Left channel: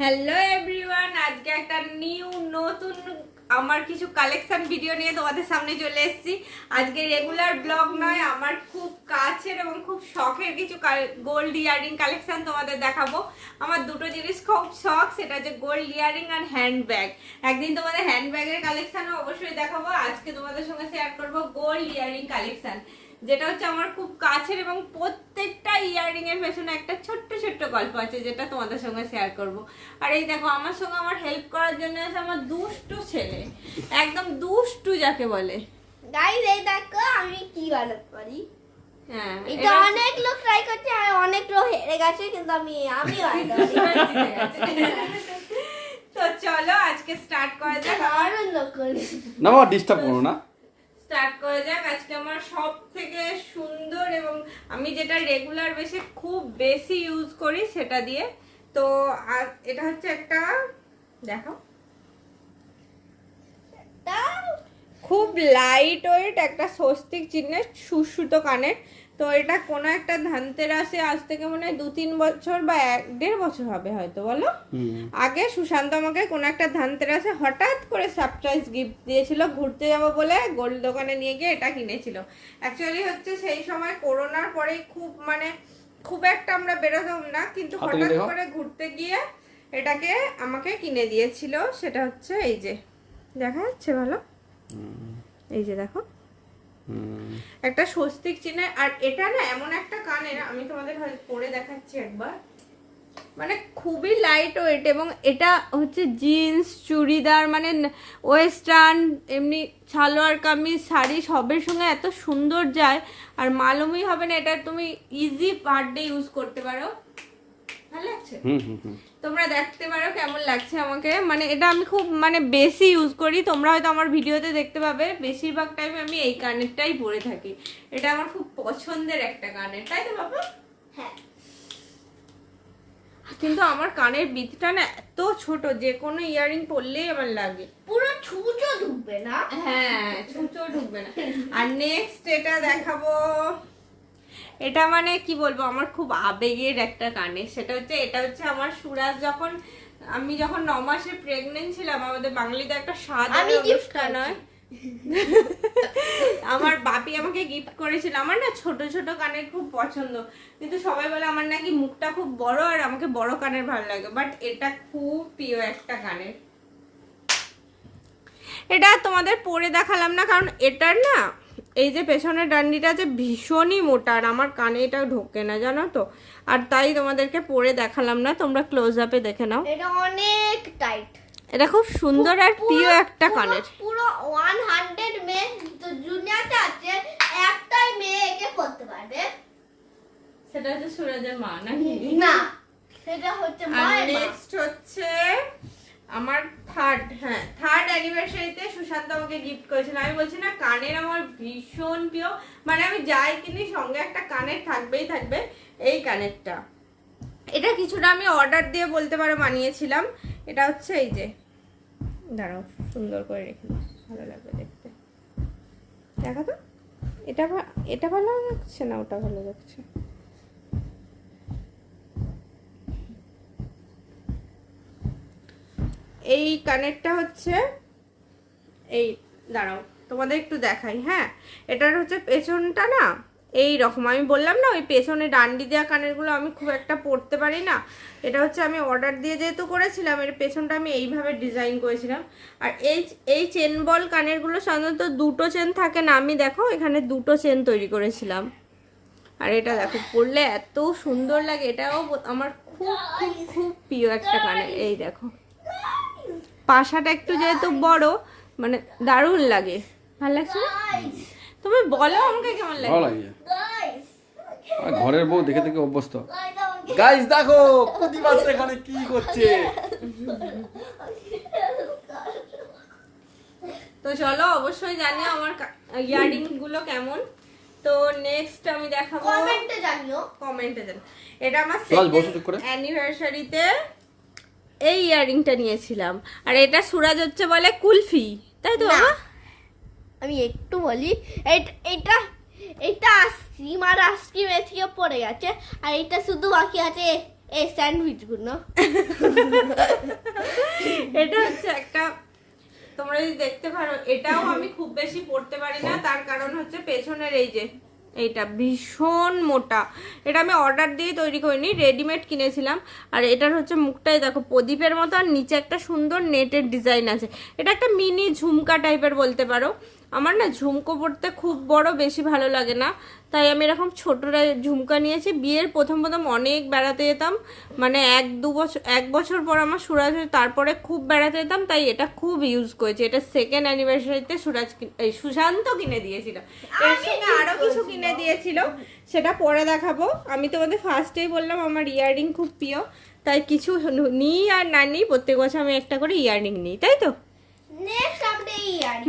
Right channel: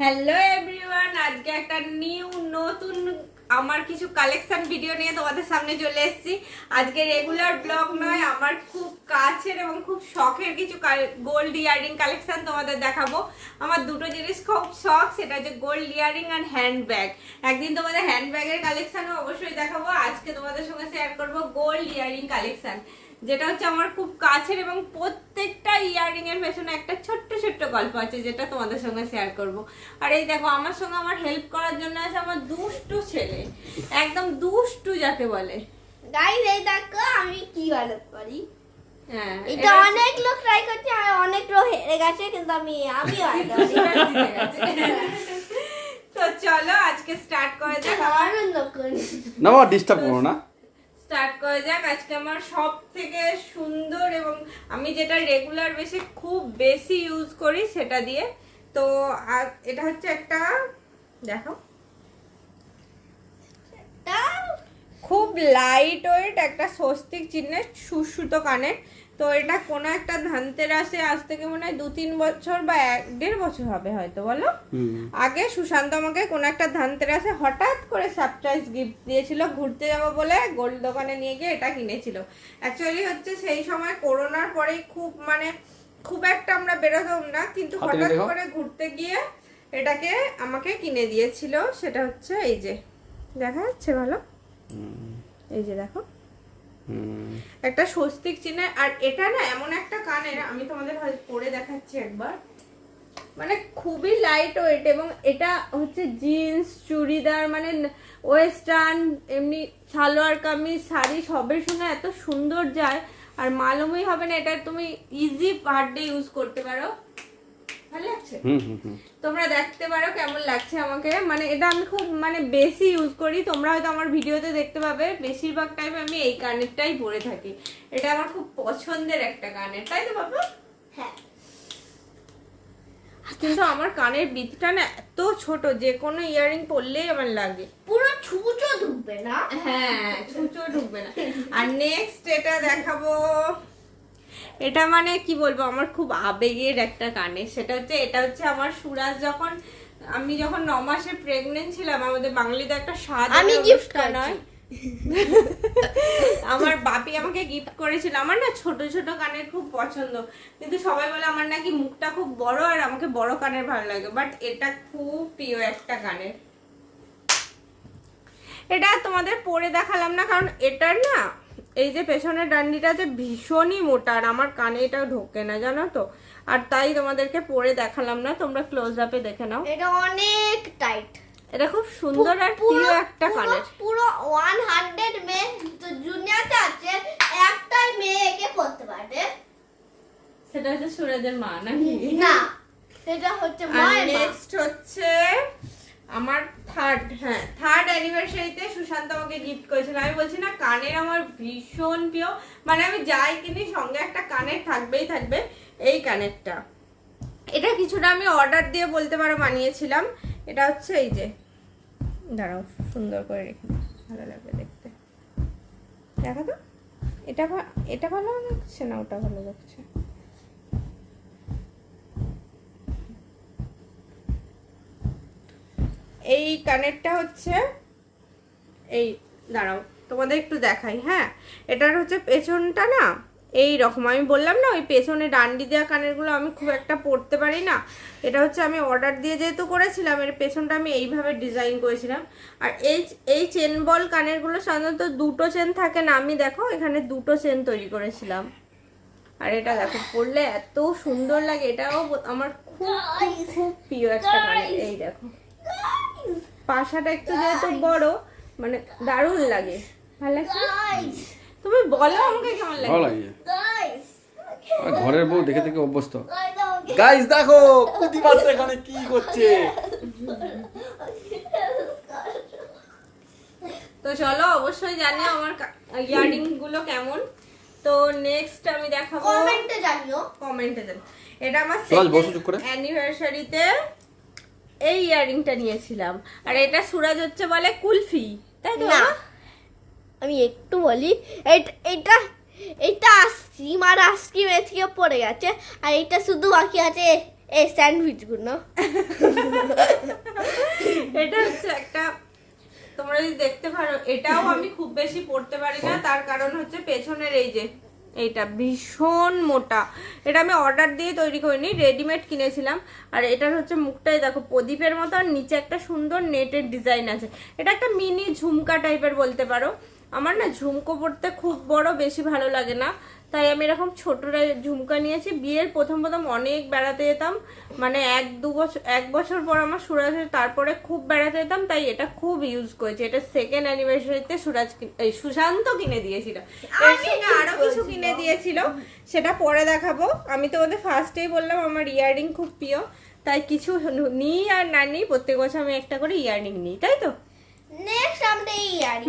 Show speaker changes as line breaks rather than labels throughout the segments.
Hello everyone আজকে একটা new নতুন, আমার কিছু কালেকশন ভিডিও নিয়ে তোমাদের সামনে চলে এসেছি। আজকে রেগুলার ব্লগ নয়, আমার খুব কাছের এবং খুব শখের কিছু গোল্ড ইয়ারিং কালেকশন তোমাদের দেখাবো। আমার দুটো জিনিস খুব শখ, সেটা হচ্ছে গোল্ড ইয়ারিং আর হ্যান্ড ব্যাগ একদিন তোমাদের হ্যান্ড ব্যাগের কালেকশনও অবশ্যই দেখাবো, আজকে তোমাদের সঙ্গে শেয়ার করব গোল্ড ইয়ারিং কালেকশন যেটা হচ্ছে আমার খুব কাছের এবং প্রত্যেকটা ইয়ারিং এর পেছনে একটা ছোট্ট ছোট্ট গল্প আছে যেটা তোমাদের সঙ্গে শেয়ার করব। আর এই দেখো আমার সঙ্গে আমার হেল্প করার জন্য আছে আমার দুষ্টু ছেলে। একদম দুষ্টু যাকে বলে।
গাইস এই দেখো আমি কি পারি?
হ্যাঁ
এটা অনেক লোক ট্রাই করছে আর অনেক লোক হেরে গেছে কিন্তু আমি আমি।
তো চলো আজকে স্টার্ট করা যাক। আমার
দারুণ লোক
না ডিস্টার্ব করো না।
স্টার্ট করা যাক। আজকে আমার সব থেকে সুন্দর এবং আমি যেটা রেগুলার বেশি খুব বেশি ইউজ করি সেটা দিয়ে। তো আর এটা হচ্ছে একটা দেখো খুব লাইট ওয়েট একটা স্বস্তিক চিহ্নের সুশ্রুত কানের তো এটা কোনো একটা ধানতেরাসে আজ থেকে মনে হয় দু তিন বছর বা এক দেড় বছর হবে হয়তো বলো? আগে সুশান্ত আমাকে কোনো একটা ধানতেরাসে হঠাৎ করে সারপ্রাইজ গিফট দিয়েছিল ঘুরতে যাব বলে গোল্ড দোকানে নিয়ে গিয়ে এটা কিনেছিল। অ্যাকচুয়ালি হচ্ছে সেই সময় করোনার পরেই খুব মানে খুব একটা আমরা বেরোতাম না কিন্তু হঠাৎ করে ঘুরতে গিয়ে এটাকে আমাকে কিনে দিয়েছিল সেটা হচ্ছে এই যে দেখা যাচ্ছে ভালো? এই যে দেখো। একটা স্বস্তিক চিহ্ন। আর এটা না এমন একটা কানের, আমি তোমাদের পরে দেখাচ্ছি একবার। মানে খুবই লাইট ওয়েট এবং এটা হচ্ছে জিন্স চুড়িদার মানে ওয়েস্টার্ন এমনি সালোয়ার কামিজ, শাড়ি সবের সঙ্গে এত সুন্দর যায়। আর মালুমই হবে না, এটা তুমি ইজি বার্থডে ইউজ করতে পারো। ভালো লাগছে?
হুম, হুম, হুম।
তোমরা দেখতে পারো কেমন লাগছে আমাকে। মানে এটা আমি খুব মানে বেশি ইউজ করি। তোমরা হয়তো আমার ভিডিওতে দেখতে পাবে। বেশিরভাগ টাইম আমি এই কানেরটাই পরে থাকি। এটা আমার খুব পছন্দের একটা কানের তাই তো বাবা
হ্যাঁ।
কিন্তু আমার কানের বিটটা না এত ছোট যে কোনো ইয়ারিং পরলেই আমার লাগে।
পুরো ছুঁচো ঢুকবে না?
হ্যাঁ ছুঁচো ঢুকবে না। আর নেক্সট এটা দেখাবো। এটা মানে কি বলব আমার খুব আবেগের একটা কানে সেটা হচ্ছে এটা হচ্ছে আমার সুরাজ যখন আমি যখন ন মাসে প্রেগনেন্ট ছিলাম আমাদের বাঙালিতে একটা স্বাদ অনুষ্ঠান হয়। আমার বাপি আমাকে গিফট করেছিল। আমার না ছোট ছোট কানের খুব পছন্দ। কিন্তু সবাই বলে আমার নাকি মুখটা খুব বড় আর আমাকে বড় কানের ভালো লাগে। বাট এটা খুব প্রিয় একটা কানের এটা তোমাদের পরে দেখালাম না কারণ এটার না এই যে পেছনের ডান্ডিটা যে ভীষণই মোটা আর আমার কানে এটা ঢোকে না জানো তো? আর তাই তোমাদেরকে পরে দেখালাম না তোমরা ক্লোজ আপে দেখে নাও।
এটা অনেক টাইট
এটা খুব সুন্দর আর প্রিয় একটা কানের।
পুরো ওয়ান হান্ড্রেড মেয়ে তো জুনিয়াতে আছে একটাই মেয়ে একে পড়তে পারবে।
সেটা হচ্ছে সুরাজের মা নাকি?
না সেটা হচ্ছে মা।
নেক্সট হচ্ছে আমার থার্ড হ্যাঁ থার্ড অ্যানিভার্সারিতে সুশান্ত আমাকে গিফট করেছিল। আমি বলছি, না, কানের আমার ভীষণ প্রিয়। মানে আমি যাই কিনি, সঙ্গে একটা কানের থাকবেই থাকবে এই কানেরটা। এটা কিছুটা আমি অর্ডার দিয়ে বলতে পারো বানিয়েছিলাম। এটা হচ্ছে এই যে। দাঁড়াও, সুন্দর করে রেখে ভালো লাগবে দেখতে। দেখো তো? এটা এটা ভালো লাগছে না? ওটা ভালো লাগছে? এই কানেরটা হচ্ছে এই, দাঁড়াও, তোমাদের একটু দেখাই হ্যাঁ? এটার হচ্ছে পেছনটা না, এই রকম। আমি বললাম না, ওই পেছনে ডান্ডি দেওয়া কানেরগুলো আমি খুব একটা পরতে পারি না। এটা হচ্ছে আমি অর্ডার দিয়ে যেহেতু করেছিলাম, এর পেছনটা আমি এইভাবে ডিজাইন করেছিলাম। আর এই এই চেন বল কানেরগুলো সাধারণত দুটো চেন থাকে না, আমি দেখো, এখানে দুটো চেন তৈরি করেছিলাম। আর এটা দেখো পরলে এত সুন্দর লাগে, এটাও আমার খুব খুব খুব প্রিয় একটা কানের এই দেখো। পাশাটা একটু যেহেতু বড় মানে দারুণ লাগে। ভালো লাগছে তুমি বলো আমাকে কেমন
ভালো
লাগে।
ঘরের বউ দেখে দেখে অভ্যস্ত। গাইস দেখো কুতি বাচ্চা এখানে কি করছে
তো চলো অবশ্যই জানিও আমার ইয়ারিংগুলো কেমন। তো নেক্সট আমি দেখাবো
কমেন্টে জানিও।
কমেন্টে দেন এটা আমার
সুরাজ, বসো চুপ করে।
অ্যানিভার্সারিতে এই ইয়ারিংটা নিয়েছিলাম। আর এটা সুরাজ হচ্ছে বলে কুলফি তাই তো
আমি একটু বলি এইটা এইটা এইটা আইসক্রিম আর আইসক্রিম থেকে পড়ে গেছে আর এইটা শুধু বাকি আছে এই স্যান্ডউইচগুলো।
এটা হচ্ছে একটা তোমরা যদি দেখতে পারো এটাও আমি খুব বেশি পড়তে পারি না তার কারণ হচ্ছে পেছনের এই যে এইটা ভীষণ মোটা। এটা আমি অর্ডার দিয়ে তৈরি করিনি রেডিমেড কিনেছিলাম। আর এটার হচ্ছে মুখটাই দেখো, প্রদীপের মতো, আর নিচে একটা সুন্দর নেটের ডিজাইন আছে। এটা একটা মিনি ঝুমকা টাইপের বলতে পারো। আমার না ঝুমকো পড়তে খুব বড় বেশি ভালো লাগে না। তাই আমি এরকম ছোটরা ঝুমকা নিয়েছি। বিয়ের প্রথম প্রথম অনেক বেড়াতে যেতাম। মানে এক দু বছর এক বছর পর আমার সুরাজ তারপরে খুব বেড়াতে যেতাম তাই এটা খুব ইউজ করেছি। এটা সেকেন্ড অ্যানিভার্সারিতে সুরাজ এই সুশান্ত কিনে দিয়েছিল। এর সঙ্গে আরও কিছু কিনে দিয়েছিল। সেটা পরে দেখাবো। আমি তোমাদের ফার্স্টেই বললাম আমার ইয়াররিং খুব প্রিয়। তাই কিছু নিই আর না নিই প্রত্যেক বছর আমি একটা করে ইয়াররিং নিই তাই তো?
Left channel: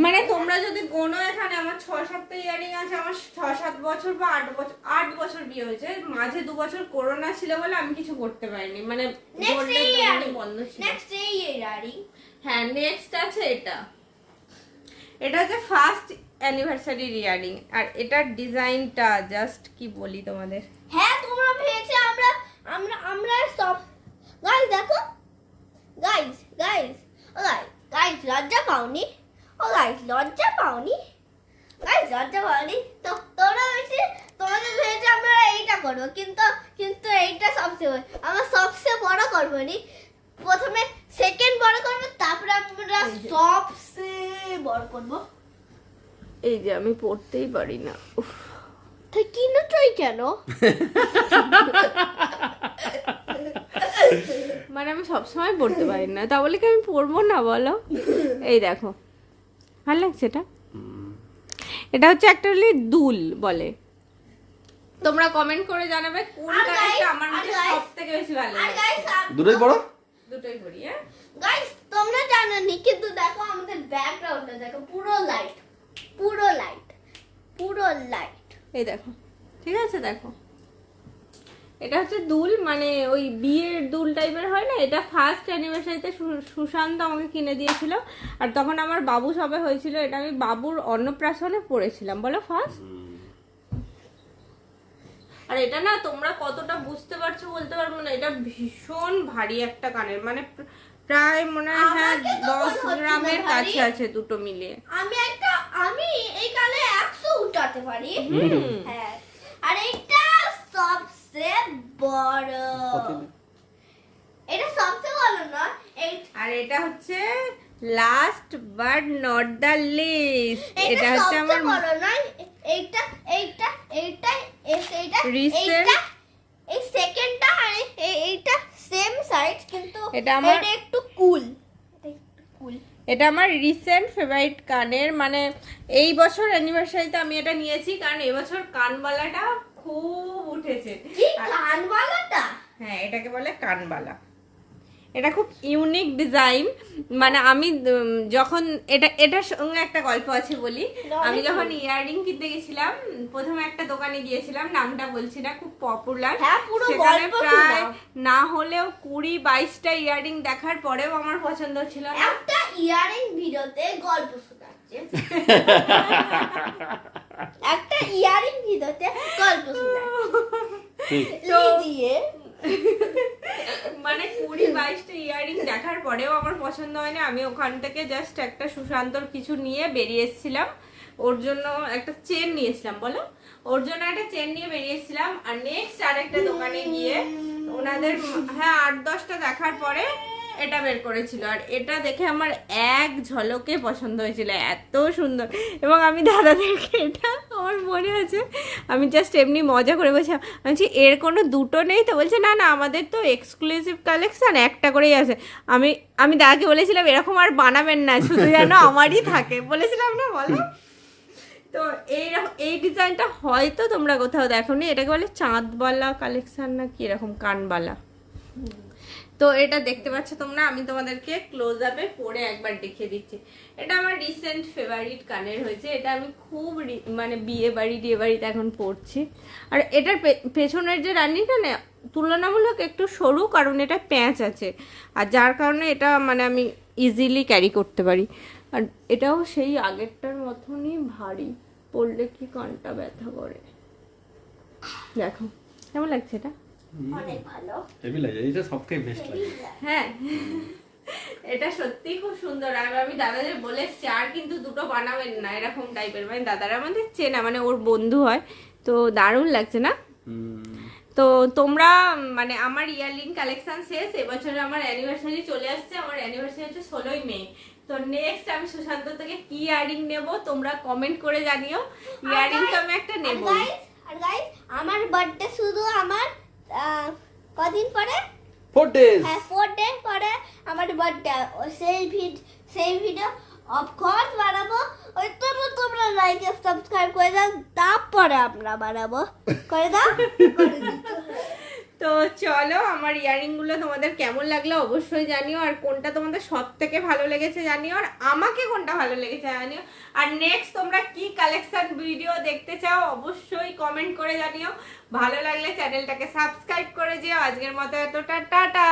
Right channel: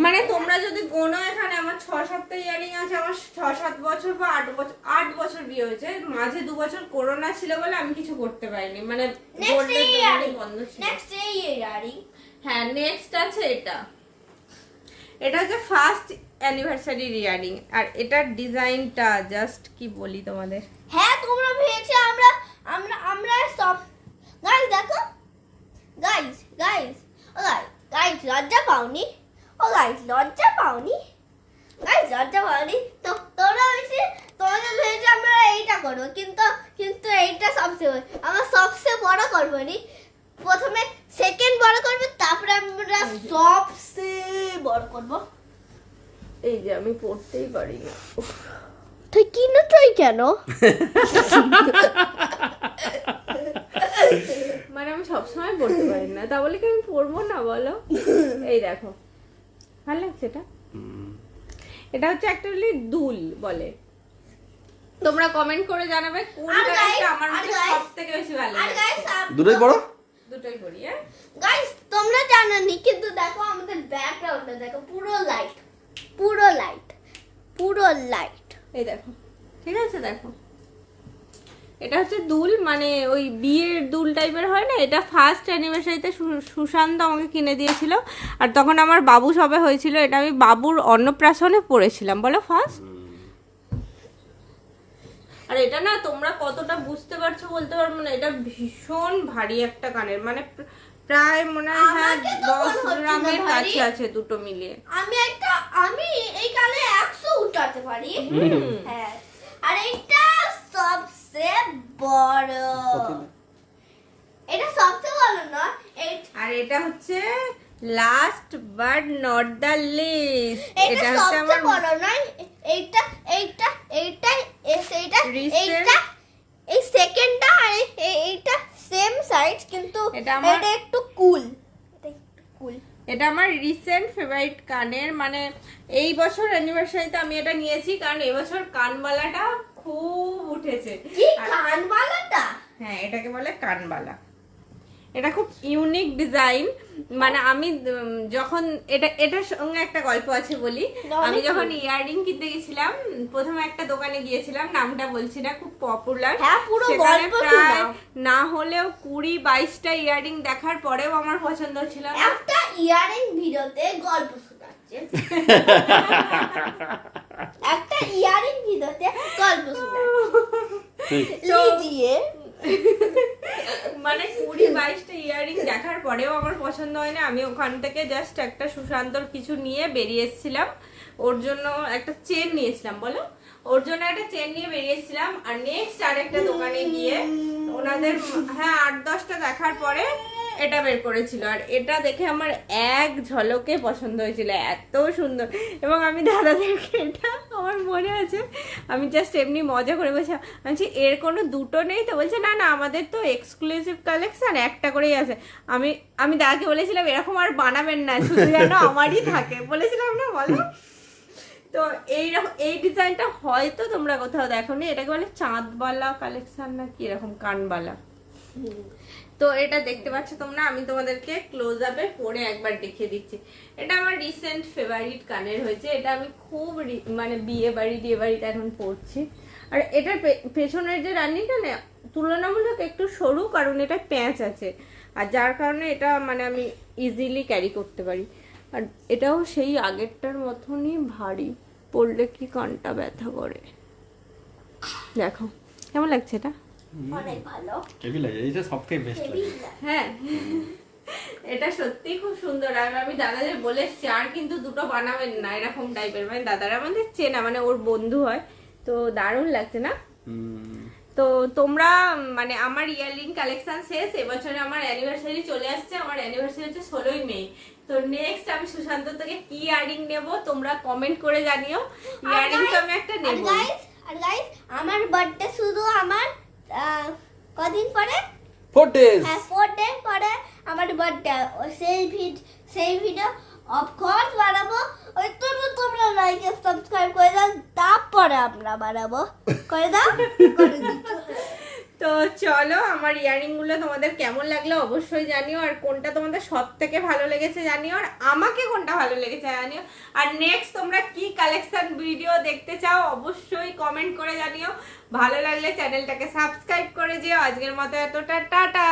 মানে তোমরা যদি গোনো এখানে আমার ছ সাতটা ইয়ারিং আছে আমার ছ সাত বছর বা আট বছর আট বছর বিয়ে হয়েছে মাঝে দু বছর করোনা ছিল বলে আমি কিছু করতে পারিনি মানে বন্ধ ছিল।
নেক্সট এই ইয়ারি।
হ্যাঁ নেক্সট আছে এটা। এটা হচ্ছে ফার্স্ট অ্যানিভার্সারি ইয়ারিং আর এটার ডিজাইনটা জাস্ট কি বলি তোমাদের?
হ্যাঁ তোমরা ভেবেছো আমরা আমরা আমরা সব গাইস দেখো। গাইস গাইস গাইস গাইস লজ্জা পাওনি? ও গাইস লজ্জা পাওনি? গাইস লজ্জা পাওনি? তো তোমরা হয়েছে তোমাদের ভেবেছে আমরা এইটা করব কিন্তু কিন্তু এইটা সবচেয়ে। আমরা সবচেয়ে বড় করব নি। প্রথমে সেকেন্ড বড় করব তারপরে আমরা সবচেয়ে বড় করব।
এই যে আমি পড়তেই পারি না।
তুই কিনে তুই কেন?
মানে আমি সবসময় পড়তে পারি না। তা বলে কি আমি পড়ব না বলো? এই দেখো। ভালো লাগছে এটা? এটা হচ্ছে একটা দুল বলে। তোমরা কমেন্ট করে জানাবে কোন কালারটা আমার মধ্যে
guys,
সব থেকে বেশি ভালো লাগে।
দুটোই বড়
দুটোই করি হ্যাঁ?
গাইস তোমরা জানো নি কিন্তু দেখো আমাদের ব্যাকগ্রাউন্ডটা দেখো পুরো লাইট পুরো লাইট পুরো লাইট
এই দেখো। ঠিক আছে দেখো। এটা হচ্ছে দুল মানে ওই বিয়ের দুল টাইপের হয় না? এটা ফার্স্ট অ্যানিভার্সারিতে সুশান্ত আমাকে কিনে দিয়েছিল। আর তখন আমার বাবু সবে হয়েছিল এটা আমি বাবুর অন্নপ্রাশনে পড়েছিলাম বলো ফার্স্ট আর এটা না তোমরা কতটা বুঝতে পারছ বলতে পারব না এটা ভীষণ ভারী একটা কানের। মানে প্রায় মনে হয় হ্যাঁ দশ গ্রামের কাছে আছে দুটো মিলিয়ে।
আমি একটা আমি এই কালে একশো উঠাতে পারি। হ্যাঁ। আর এইটা সবচেয়ে বড়। এটা সবচেয়ে বড় নয় এই
আর এটা হচ্ছে last but not the least
এটা
এটা হচ্ছে আমার
বড় নয় এইটা এইটা এইটা এইটা এইটা এই সেকেন্ডটা আর এই- এই- এইটা সেম সাইজ কিন্তু
এটা
একটু কুল কুল
এটা আমার রিসেন্ট ফেভারিট কানের। মানে এই বছর অ্যানিভার্সারিতে আমি এটা নিয়েছি কারণ এবছর কানবালাটা খুব উঠেছে।
কি কানবালাটা?
হ্যাঁ এটাকে বলে কানবালা। এটা খুব ইউনিক ডিজাইন মানে আমি যখন এটা এটার সঙ্গে একটা গল্প আছে বলি। আমি যখন ইয়াররিং কিনতে গেছিলাম প্রথমে একটা দোকানে গিয়েছিলাম নামটা বলছি না খুব পপুলার
হ্যাঁ,
সেখানে প্রায় না হলেও কুড়ি বাইশটা ইয়াররিং দেখার পরেও আমার পছন্দ ছিল না।
একটা ইয়ারিং ভিডিওতে গল্প শোনাচ্ছে। ইয়ারিং ভিডিওতে গল্প শোনাচ্ছে দিয়ে
মানে কুড়ি বাইশটা ইয়াররিং দেখার পরেও আমার পছন্দ হয়নি। আমি ওখান থেকে জাস্ট একটা সুশান্তর কিছু নিয়ে বেরিয়ে এসেছিলাম। ওর জন্য একটা চেন নিয়েছিলাম বলো? ওর জন্য একটা চেন নিয়ে বেরিয়েছিলাম আর নেক্সট আরেকটা দোকানে গিয়ে ওনাদের হ্যাঁ আট দশটা দেখার পরে এটা বের করেছিল। আর এটা দেখে আমার এক ঝলকে পছন্দ হয়েছিল। এত সুন্দর। এবং আমি দাদাদেরকে এটা মনে আছে? আমি জাস্ট এমনি মজা করে বলছিলাম আমি বলছি এর কোনো দুটো নেই তো? বলছে না না আমাদের তো এক্সক্লুসিভ কালেকশন একটা করেই আছে। আমি আমি দাদাকে বলেছিলাম এরকম আর বানাবেন না শুধু যেন আমারই থাকে। বলেছিলাম না বলো। তো এই এই ডিজাইনটা হয়তো তোমরা কোথাও দেখো নি এটাকে বলে চাঁদবালা কালেকশন না কি এরকম কানবালা। তো এটা দেখতে পাচ্ছ তোমরা আমি তোমাদেরকে ক্লোজ আপে পরে একবার দেখিয়ে দিচ্ছি। এটা আমার রিসেন্ট ফেভারিট কানের হয়েছে। এটা আমি খুব রি- মানে বিয়ে বাড়ি বিয়ে বাড়িতে এখন পড়ছি। আর এটার পেছনের যে রানিটা না তুলনামূলক একটু সরু কারণ এটা প্যাঁচ আছে। আর যার কারণে এটা মানে আমি ইজিলি ক্যারি করতে পারি। আর এটাও সেই আগেরটার মতনই ভারী। পড়লে কি কানটা ব্যথা করে। দেখো কেমন লাগছে এটা?
অনেক ভালো।
লাগে। এইটা সবথেকে বেস্ট লাগে।
হ্যাঁ। এটা সত্যি খুব সুন্দর। আর আমি দাদাদের বলে এসছি আর কিন্তু দুটো বানাবেন না। এরকম টাইপের মানে দাদারা আমাদের চেনা মানে ওর বন্ধু হয়। তো দারুণ লাগছে না? তো তোমরা মানে আমার ইয়ারলিং কালেকশন শেষ। এবছরে আমার অ্যানিভার্সারি চলে আসছে। আমার অ্যানিভার্সারি হচ্ছে ষোলোই মে। তো নেক্সট আমি সুশান্ত থেকে কি ইয়ারিং নেব তোমরা কমেন্ট করে জানিও। ইয়ারিং তো আমি একটা
আর গাইস আমার বার্থডে শুধু আমার আহ, কদিন পরে?
ফোর ডেজ
হ্যাঁ ফোর ডেজ পরে আমার বার্থডে সেই ভিড সেই ভিডিও অফকোর্স বানাবো। ওই তো তোমরা লাইক সাবস্ক্রাইব করে দাও, তারপরে আমরা বানাবো। করে দাও? করে।
তো চলো, আমার ইয়ারিংগুলো তোমাদের কেমন লাগল অবশ্যই জানিও, আর কোনটা তোমাদের সব থেকে ভালো লেগেছে জানিও, আর আমাকে কোনটা ভালো লেগেছে জানিও। আর নেক্সট তোমরা কি কালেকশন ভিডিও দেখতে চাও অবশ্যই কমেন্ট করে জানিও। ভালো লাগলে চ্যানেলটাকে সাবস্ক্রাইব করে যেও। আজকের মতো এতটা, টাটা!